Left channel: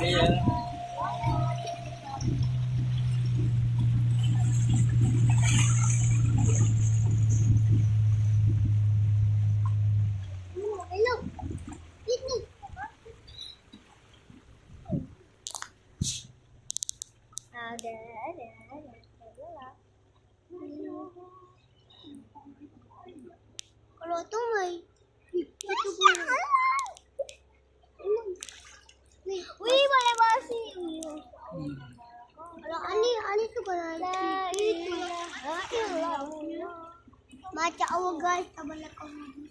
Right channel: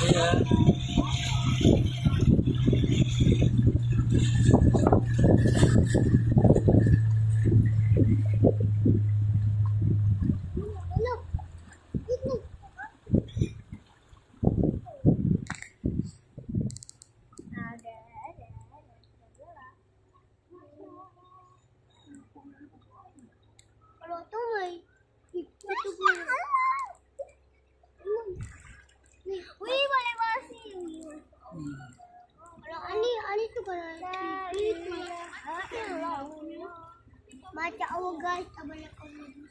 Iya. Kalau tuh mai itu wih boleh basi. Kalau ani suka itu. Maca Allah guys, banyak kamu.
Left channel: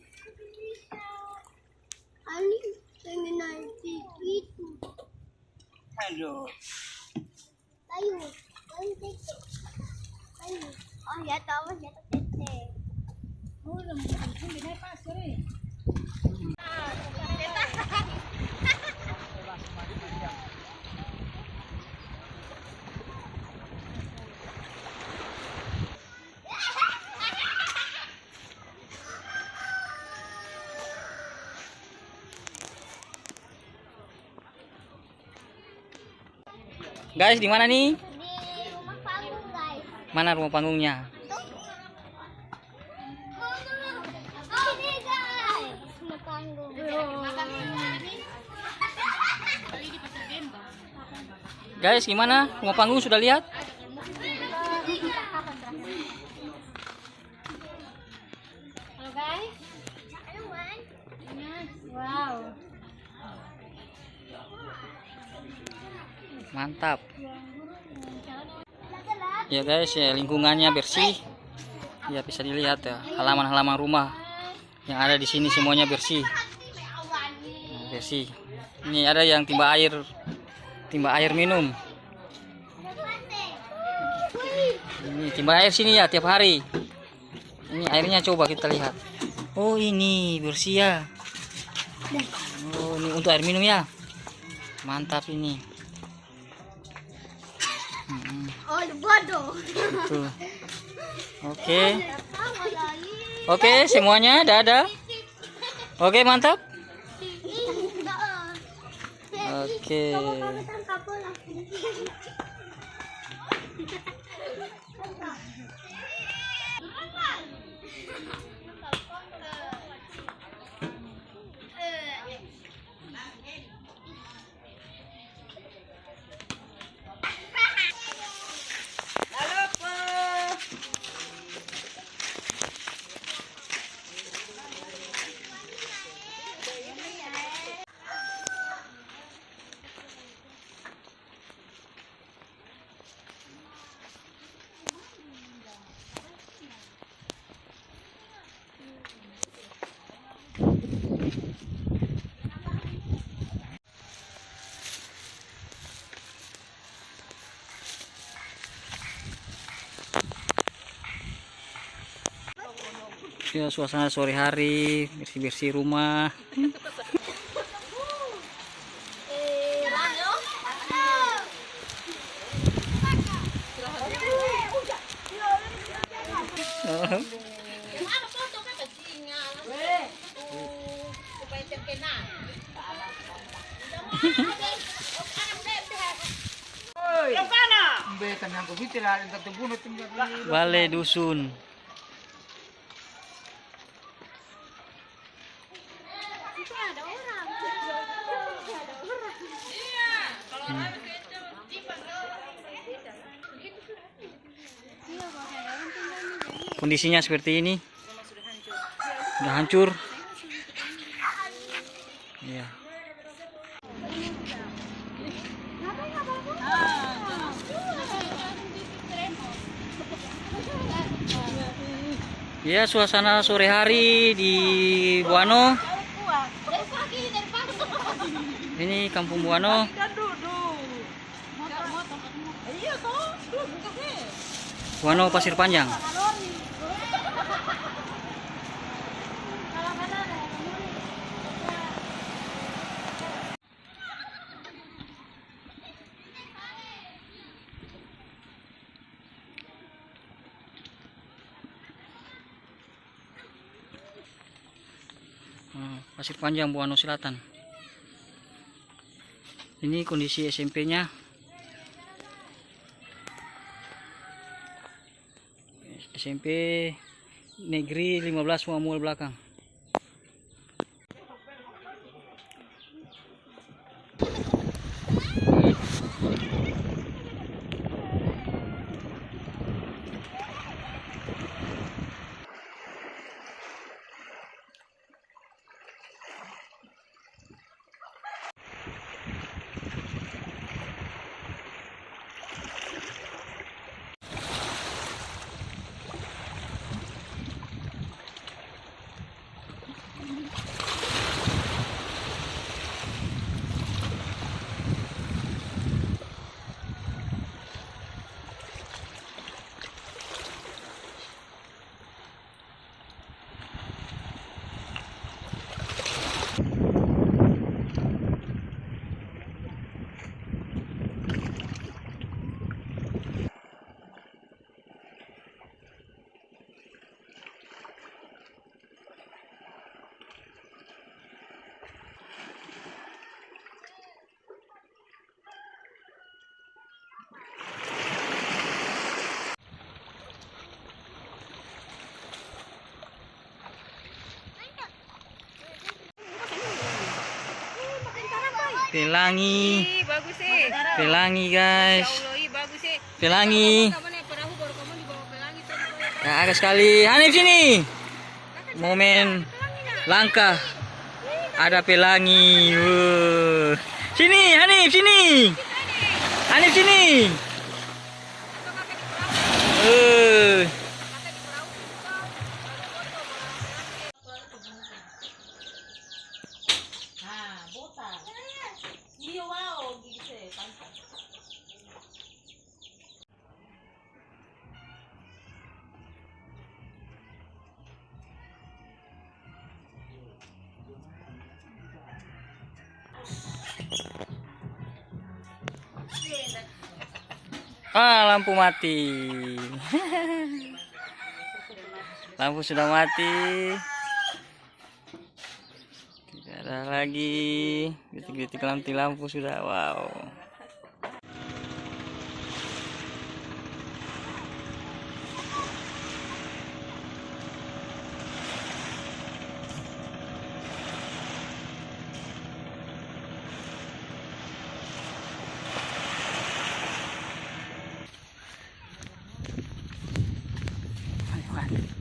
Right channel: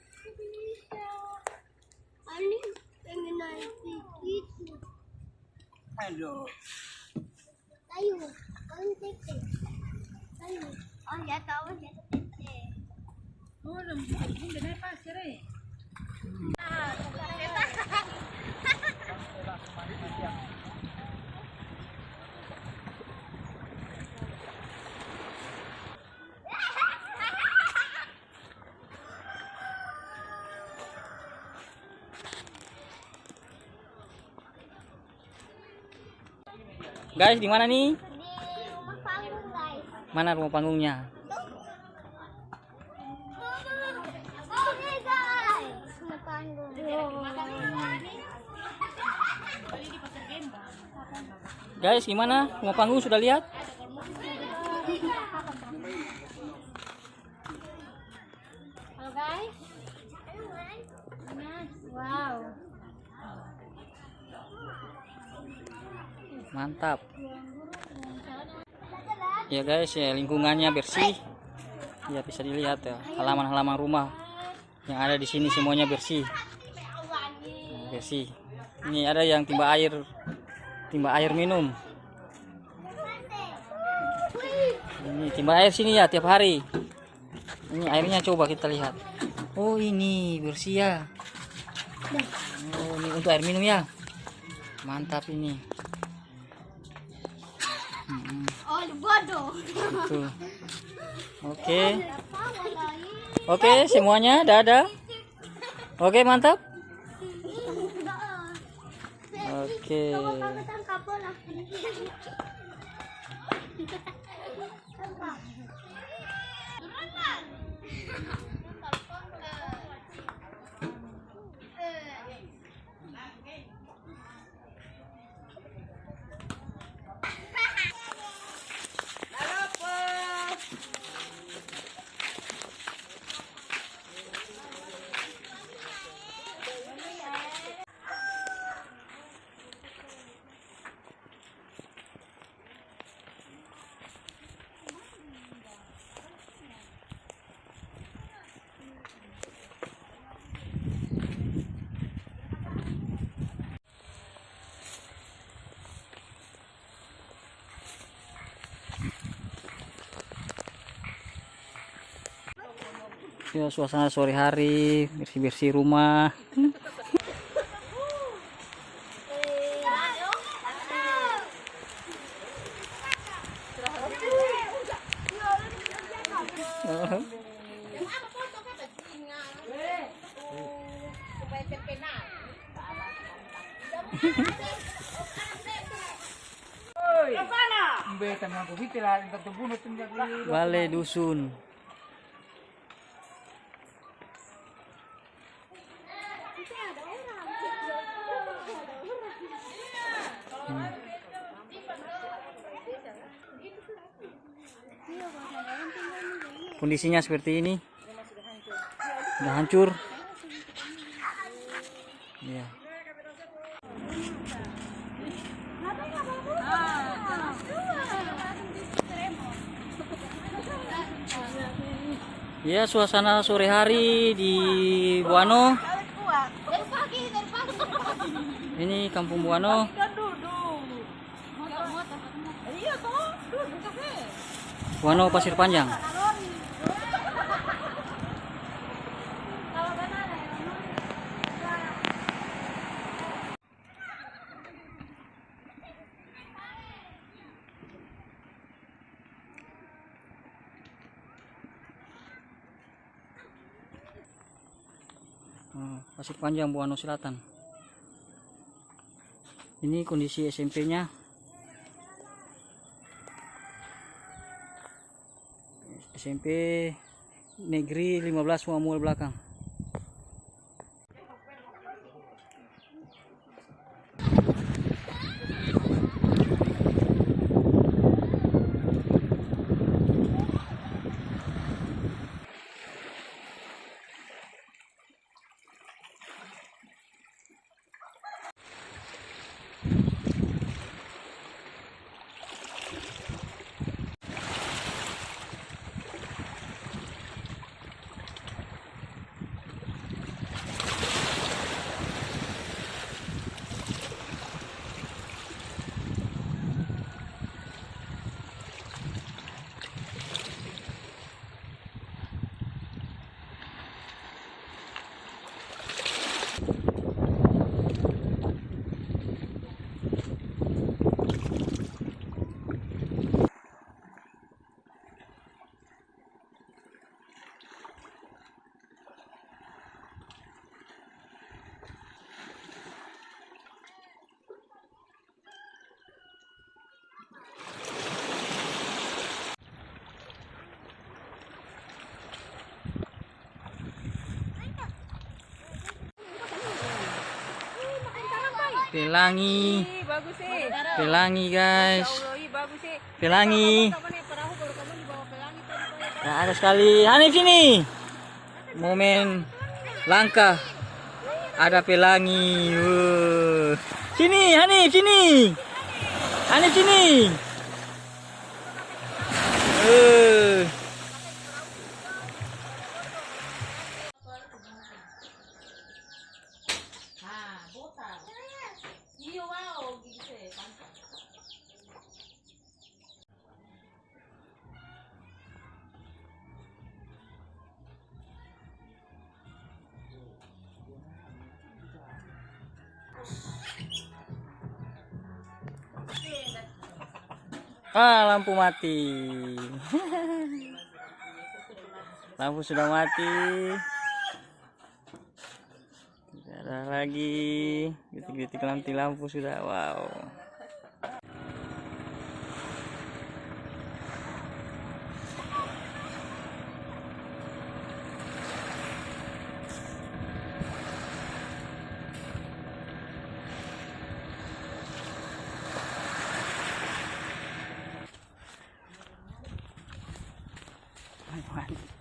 Ani pengen naik itu. Aduh. Ayo, kamu tete. Ayo. Oh ya tahu ya tete. Guys, di mana nih? Di rumah panggung guys. Mana rumah panggungnya? Sini guys, rumah panggung. Guys, gimana? Rumah panggung sudah lihat? Halo guys. Wow. Mantap. Ya guys, ya lingkungannya bersih. Ya bisa dilihat ya, halaman-halaman rumah yang ada di sini semuanya bersih. Nah, bersih. Ini ada yang timba air minum. Ini timba air sini ya tiap hari. Ini airnya coba kita lihat. Oh ini bersih ya. Oh ini untuk air minum ya. Mantap ini. Oh bodoh. Tuh. Oke. Oke, semuanya dadah. Oke, mantap. Oke. Ya, suasana sore hari, bersih-bersih rumah. Balai dusun. Kondisinya seperti ini. Sudah hancur. Ya. Ya, suasana sore hari di Buano. Ini Kampung Buano. Buano Pasir Panjang. Pasir Panjang Buano Selatan. Ini kondisi SMP-nya. SMP Negeri 15 Muamul belakang. Pelangi. Pelangi guys. Pelangi. Ya, agak sekali. Hanif sini. Momen langka. Ada pelangi. Sini Hanif sini. Hanif sini. Lampu mati. Lampu sudah mati. Tidak ada lagi. Detik-detik lampu sudah. Wow. Mantap.